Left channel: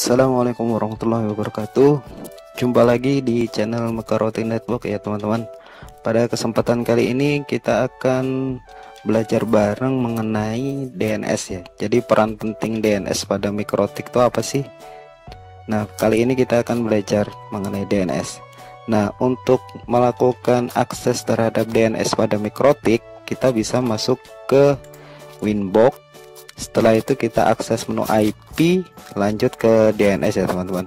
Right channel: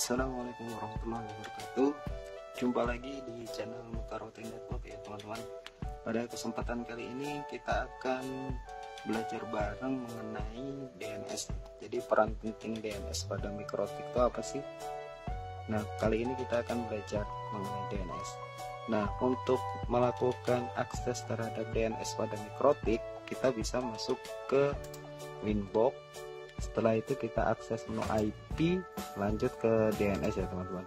Assalamualaikum warahmatullahi wabarakatuh. Jumpa lagi di channel Mekaroti Network ya teman-teman. Pada kesempatan kali ini kita akan belajar bareng mengenai DNS ya. Jadi peran penting DNS pada mikrotik itu apa sih? Nah, kali ini kita akan belajar mengenai DNS. Nah, untuk melakukan akses terhadap DNS pada mikrotik, kita bisa masuk ke Winbox. Setelah itu kita akses menu IP, lanjut ke DNS ya teman-teman.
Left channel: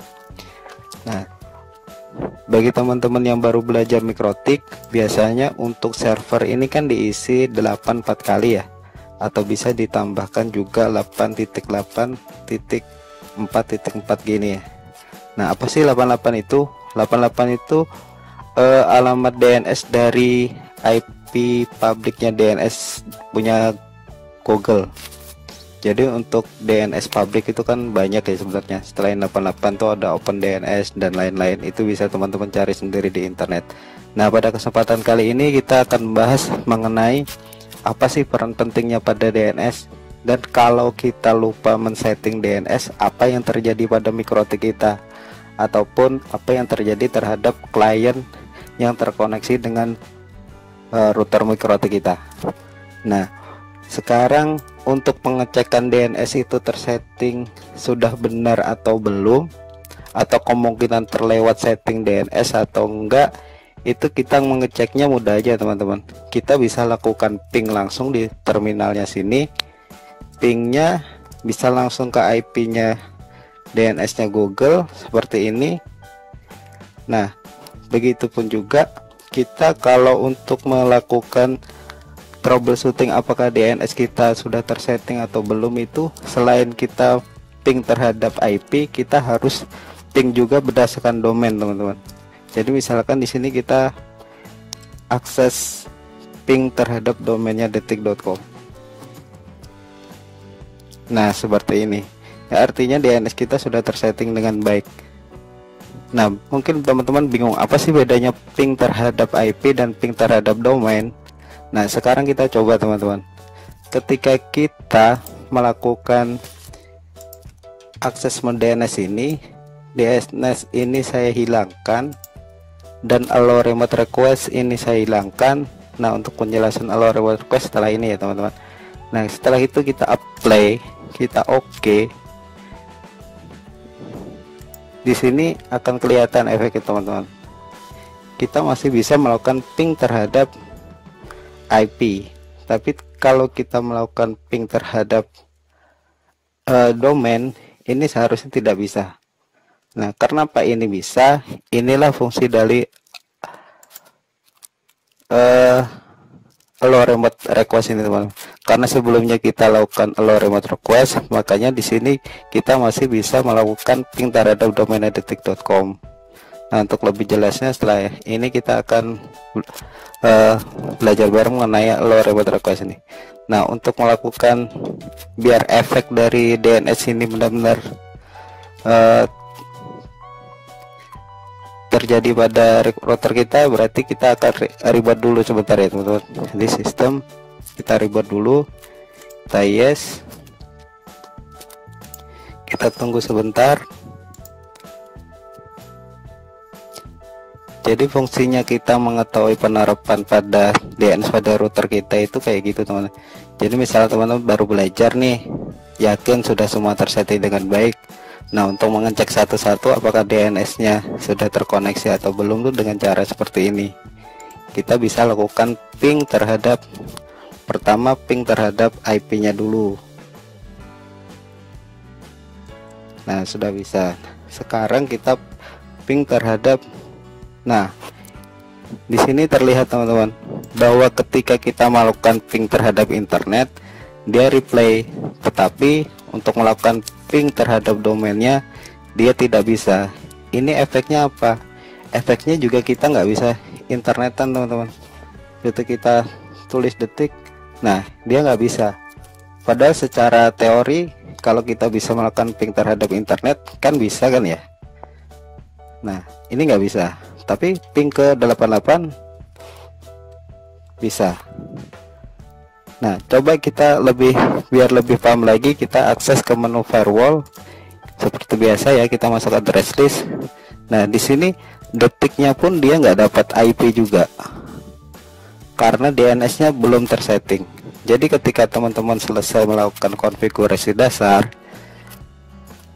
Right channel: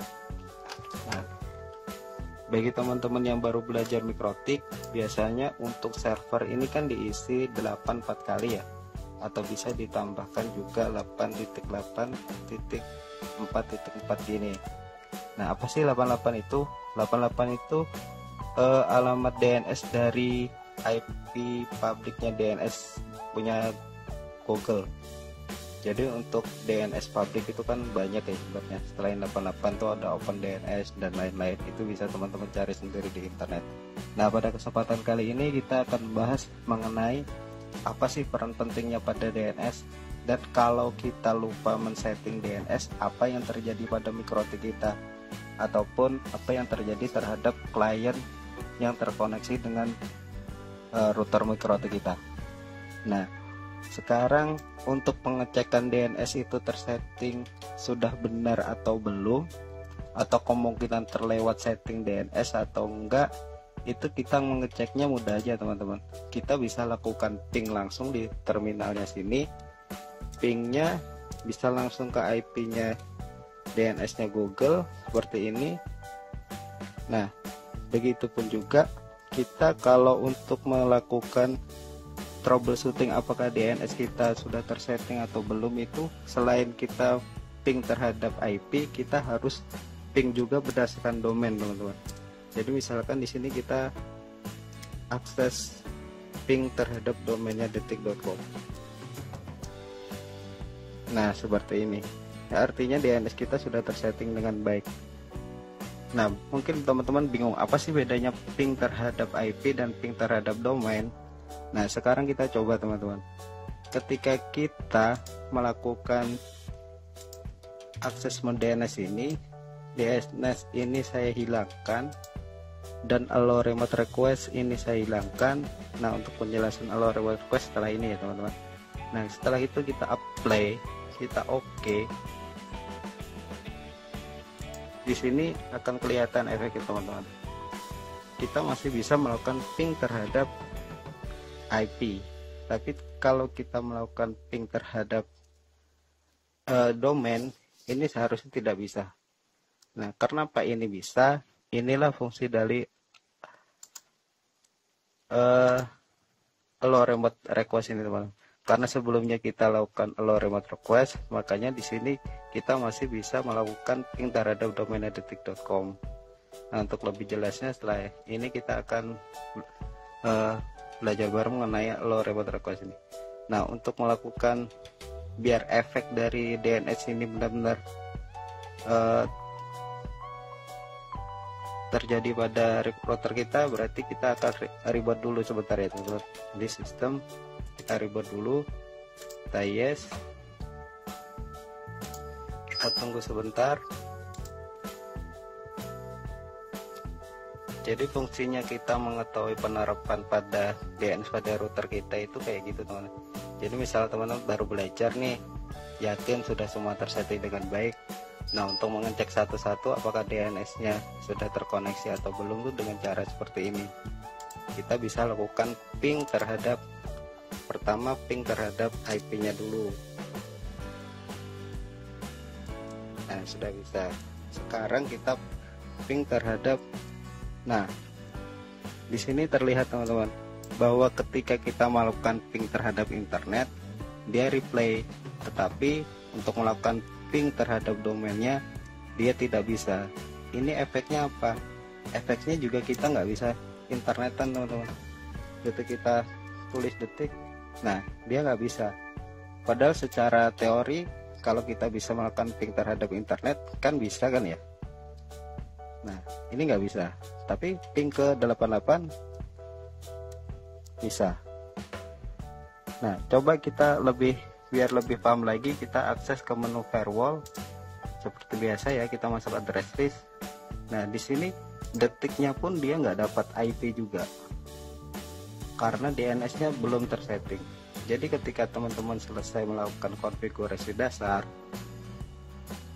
Nah, bagi teman-teman yang baru belajar mikrotik, biasanya untuk server ini kan diisi 84 kali ya, atau bisa ditambahkan juga 8.8.4.4 gini ya. Nah, apa sih 88 itu? 88 itu alamat DNS dari IP publiknya DNS punya Google. Jadi untuk DNS publik itu kan banyak ya sebenarnya. Selain 88 tuh ada Open DNS dan lain-lain. Itu bisa teman-teman cari sendiri di internet. Nah, pada kesempatan kali ini kita akan membahas mengenai apa sih peran pentingnya pada DNS, dan kalau kita lupa men-setting DNS, apa yang terjadi pada mikrotik kita, ataupun apa yang terjadi terhadap klien yang terkoneksi dengan router mikrotik kita. Nah, sekarang untuk pengecekan DNS itu tersetting sudah benar atau belum, atau kemungkinan terlewat setting DNS atau enggak, itu kita mengeceknya mudah aja teman-teman. Kita bisa lakukan ping langsung di terminalnya sini. Pingnya bisa langsung ke IP-nya DNS-nya Google seperti ini. Nah, begitupun juga kita kalau untuk melakukan troubleshooting apakah DNS kita sudah tersetting atau belum, itu selain kita ping terhadap IP, kita harus ping juga berdasarkan domain teman-teman. Jadi misalkan di sini kita akses ping terhadap domainnya detik.com. Nah, seperti ini ya, artinya DNS kita sudah tersetting dengan baik. Nah, mungkin teman-teman bingung apa sih bedanya ping terhadap IP dan ping terhadap domain. Nah, sekarang kita coba teman-teman. Ketika kita melakukan akses DNS ini, DNS ini saya hilangkan, dan allow remote request ini saya hilangkan. Nah, untuk penjelasan allow remote request setelah ini ya teman-teman. Nah, setelah itu kita apply, kita OK. Di sini akan kelihatan efeknya teman-teman. Kita masih bisa melakukan ping terhadap IP, tapi kalau kita melakukan ping terhadap domain ini seharusnya tidak bisa. Nah, karena apa ini bisa? Inilah fungsi dari allow remote request ini teman. Karena sebelumnya kita lakukan allow remote request, makanya di sini kita masih bisa melakukan ping terhadap domain detik.com. Nah, untuk lebih jelasnya setelah ini kita akan belajar bareng mengenai allow remote request ini. Nah, untuk melakukan biar efek dari DNS ini benar-benar terjadi pada router kita, berarti kita akan reboot dulu sebentar ya teman-teman. Di sistem kita reboot dulu, kita yes, kita tunggu sebentar. Jadi fungsinya kita mengetahui penerapan pada DNS pada router kita itu kayak gitu teman-teman. Jadi misalnya teman-teman baru belajar nih, yakin sudah semua tersetting dengan baik. Nah, untuk mengecek satu-satu apakah DNS-nya sudah terkoneksi atau belum tuh dengan cara seperti ini. Kita bisa lakukan ping terhadap, pertama ping terhadap IP-nya dulu. Nah, sudah bisa. Sekarang kita ping terhadap. Nah, di sini terlihat teman-teman bahwa ketika kita melakukan ping terhadap internet, dia replay, tetapi untuk melakukan ping terhadap domainnya dia tidak bisa. Ini efeknya apa? Efeknya juga kita nggak bisa internetan teman-teman. Ketika kita tulis detik, nah dia nggak bisa. Padahal secara teori kalau kita bisa melakukan ping terhadap internet kan bisa kan ya. Nah, ini nggak bisa. Tapi ping ke 88 bisa. Nah, coba kita biar lebih paham lagi, kita akses ke menu firewall. seperti biasa ya, kita masuk address list. Nah di sini detiknya pun dia nggak dapat IP juga karena DNS-nya belum tersetting. Jadi ketika teman-teman selesai melakukan konfigurasi dasar,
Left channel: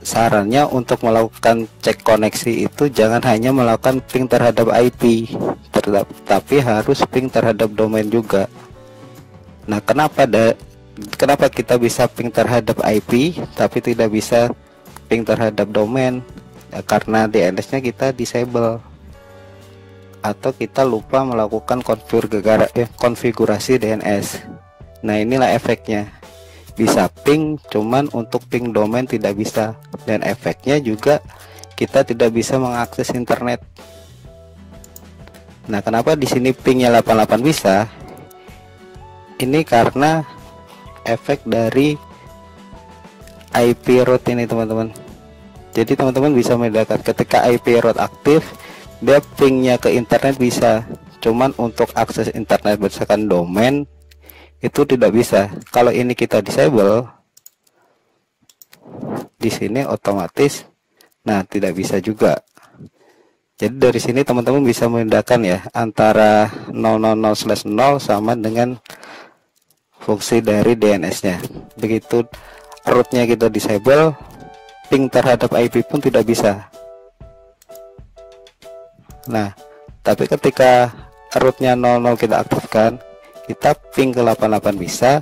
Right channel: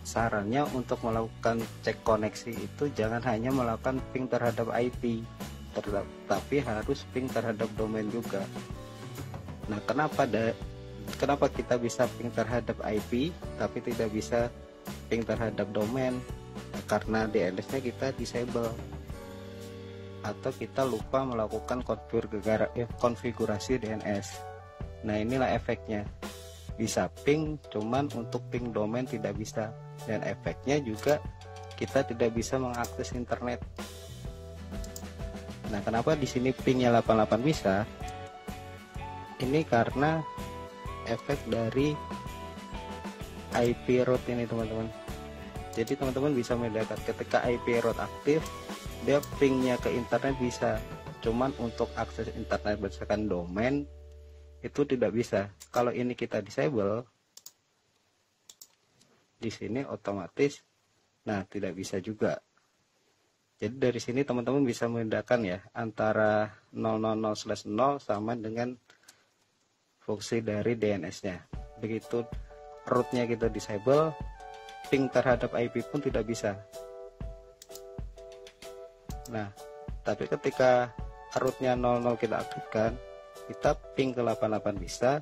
sarannya untuk melakukan cek koneksi itu jangan hanya melakukan ping terhadap IP, tapi harus ping terhadap domain juga. Nah kenapa kita bisa ping terhadap IP tapi tidak bisa ping terhadap domain? Ya, karena DNS-nya kita disable atau kita lupa melakukan konfigurasi DNS. Nah inilah efeknya, bisa ping cuman untuk ping domain tidak bisa, dan efeknya juga kita tidak bisa mengakses internet. Nah kenapa di sini pingnya 88 bisa? Ini karena efek dari IP route ini teman-teman. Jadi teman-teman bisa membedakan ketika IP route aktif, dia pingnya ke internet bisa, cuman untuk akses internet berdasarkan domain itu tidak bisa. Kalau ini kita disable, di sini otomatis nah tidak bisa juga. Jadi dari sini teman-teman bisa membedakan ya antara 000/0 sama dengan fungsi dari DNS-nya. Begitu root-nya kita disable, ping terhadap IP pun tidak bisa. Nah tapi ketika root-nya 00 kita aktifkan, kita ping ke 88 bisa,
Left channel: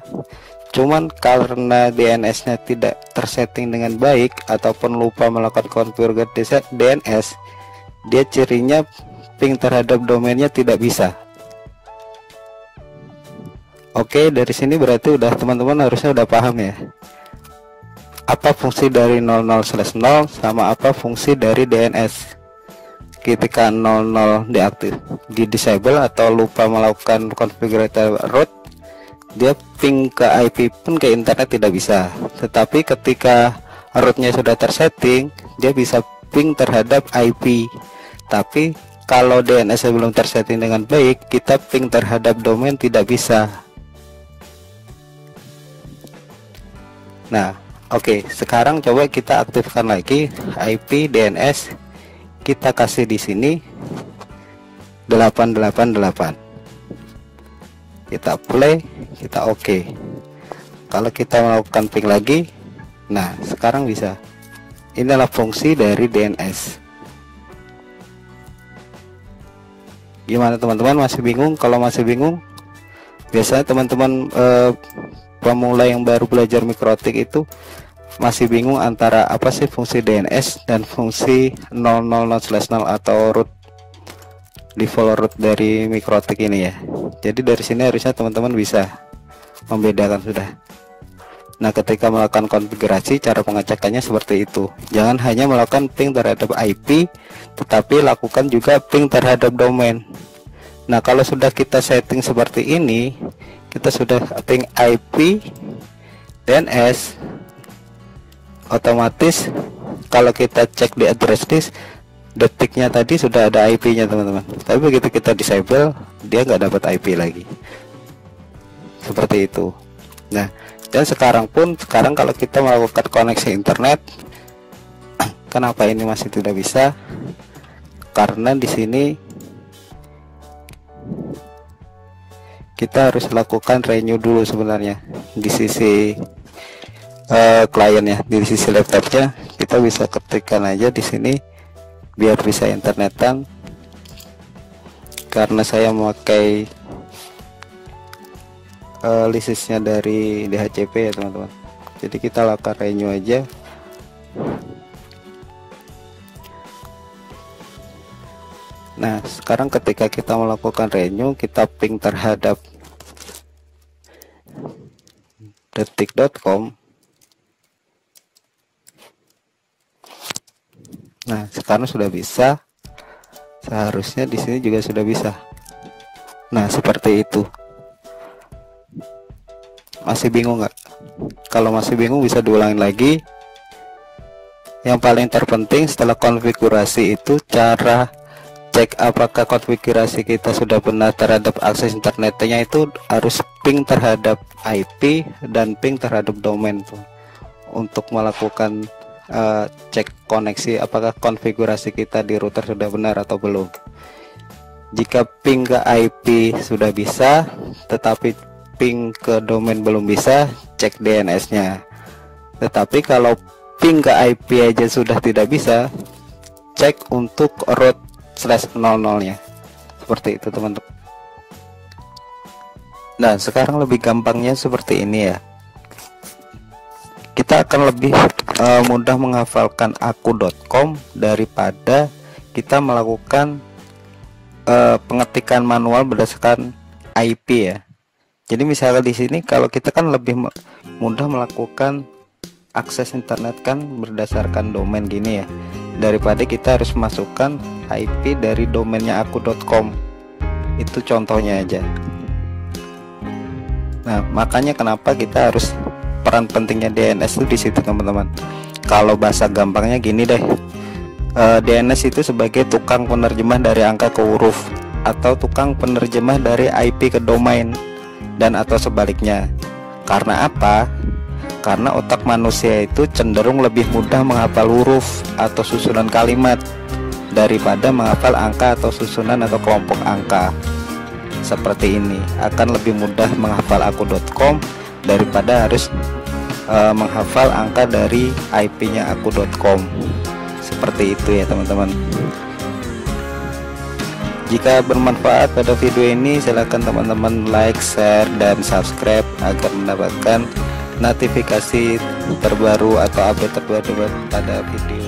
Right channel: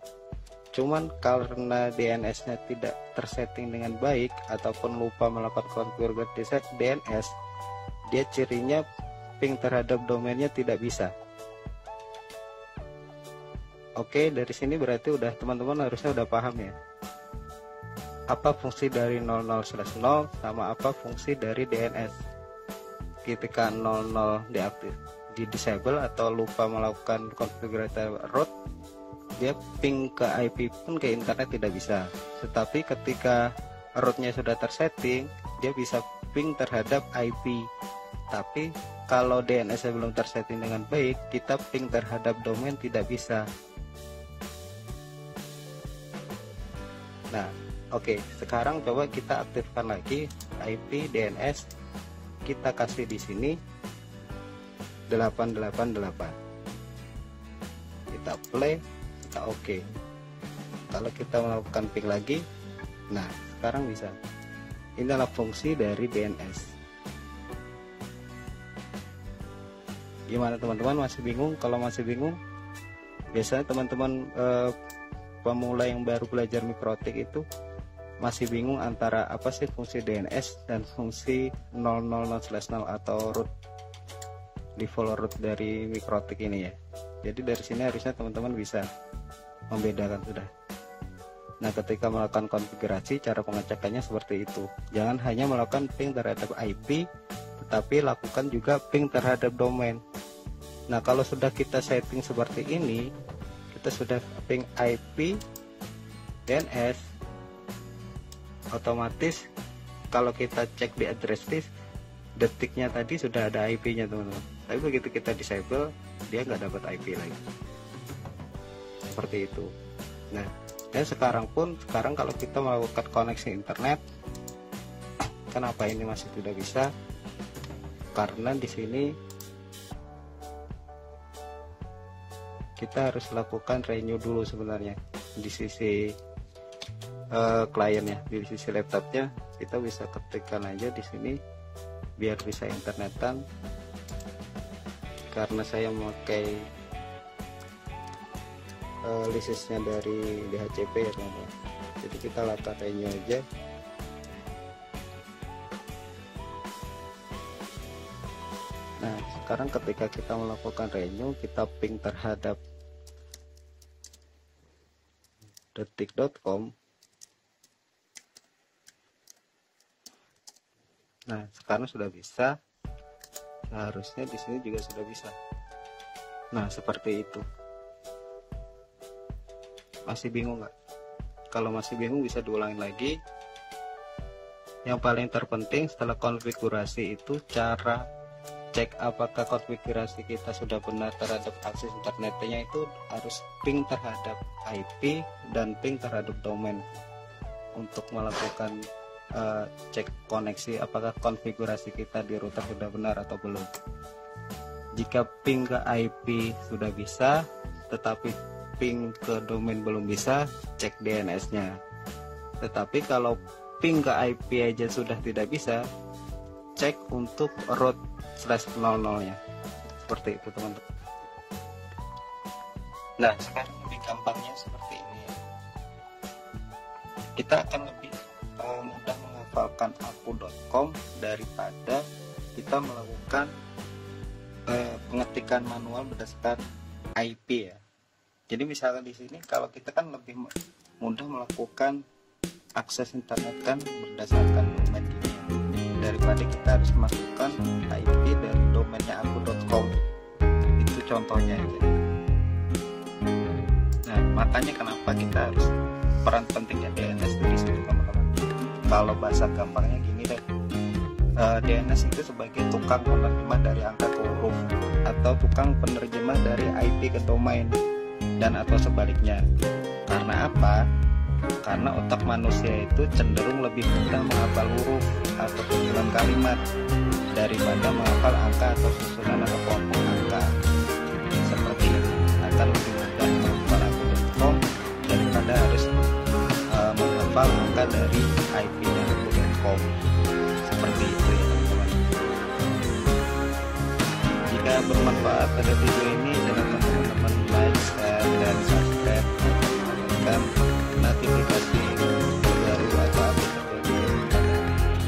cuman karena DNS-nya tidak tersetting dengan baik ataupun lupa melakukan konfigurasi DNS, dia cirinya ping terhadap domainnya tidak bisa. Oke, dari sini berarti udah teman-teman harusnya udah paham ya apa fungsi dari 00/0 sama apa fungsi dari DNS. Ketika 00 di disable atau lupa melakukan konfigurasi root, dia ping ke IP pun ke internet tidak bisa. Tetapi ketika rootnya sudah tersetting, dia bisa ping terhadap IP. Tapi kalau DNS belum tersetting dengan baik, kita ping terhadap domain tidak bisa. Nah oke, sekarang coba kita aktifkan lagi IP DNS. Kita kasih di sini 888. Kita play, kita oke. Kalau kita melakukan ping lagi, nah sekarang bisa. Inilah fungsi dari DNS. Gimana teman-teman, masih bingung? Kalau masih bingung, biasanya teman-teman pemula yang baru belajar mikrotik itu masih bingung antara apa sih fungsi DNS dan fungsi 000/0 atau root, default root dari mikrotik ini ya. Jadi dari sini harusnya teman-teman bisa membedakan sudah. Nah ketika melakukan konfigurasi, cara pengecekannya seperti itu. Jangan hanya melakukan ping terhadap IP, tetapi lakukan juga ping terhadap domain. Nah kalau sudah kita setting seperti ini, kita sudah ping IP DNS, otomatis kalau kita cek di address list, detiknya tadi sudah ada IP-nya teman-teman. Tapi begitu kita disable, dia nggak dapat IP lagi. Seperti itu. Nah, dan sekarang kalau kita melakukan koneksi internet, kenapa ini masih tidak bisa? Karena di sini kita harus lakukan renew dulu sebenarnya di sisi kliennya. Di sisi laptopnya kita bisa ketikkan aja di sini biar bisa internetan, karena saya memakai lisensinya dari DHCP ya teman-teman. Jadi kita lakukan renew aja. Nah sekarang ketika kita melakukan renew, kita ping terhadap detik.com. Nah sekarang sudah bisa, seharusnya di sini juga sudah bisa. Nah seperti itu. Masih bingung nggak? Kalau masih bingung bisa diulangin lagi. Yang paling terpenting setelah konfigurasi itu cara cek apakah konfigurasi kita sudah benar terhadap akses internetnya, itu harus ping terhadap IP dan ping terhadap domain tuh, untuk melakukan cek koneksi, apakah konfigurasi kita di router sudah benar atau belum. Jika ping ke IP sudah bisa tetapi ping ke domain belum bisa, cek DNS-nya. Tetapi kalau ping ke IP aja sudah tidak bisa, cek untuk root /00-nya. Seperti itu teman-teman. Nah, sekarang lebih gampangnya seperti ini ya. Kita akan lebih mudah menghafalkan aku.com daripada kita melakukan pengetikan manual berdasarkan IP ya. Jadi misalnya di sini kalau kita kan lebih mudah melakukan akses internet kan berdasarkan domain gini ya, daripada kita harus masukkan IP dari domainnya aku.com. Itu contohnya aja. Nah, makanya kenapa kita harus, peran pentingnya DNS itu di situ teman-teman. Kalau bahasa gampangnya gini deh. DNS itu sebagai tukang penerjemah dari angka ke huruf, atau tukang penerjemah dari IP ke domain, dan atau sebaliknya. Karena apa? Karena otak manusia itu cenderung lebih mudah menghafal huruf atau susunan kalimat daripada menghafal angka atau susunan atau kelompok angka. Seperti ini, akan lebih mudah menghafal aku.com daripada harus menghafal angka dari IP-nya aku.com. Seperti itu ya teman-teman. Jika bermanfaat pada video ini, silakan teman-teman like, share, dan subscribe agar mendapatkan notifikasi terbaru atau update terbaru pada video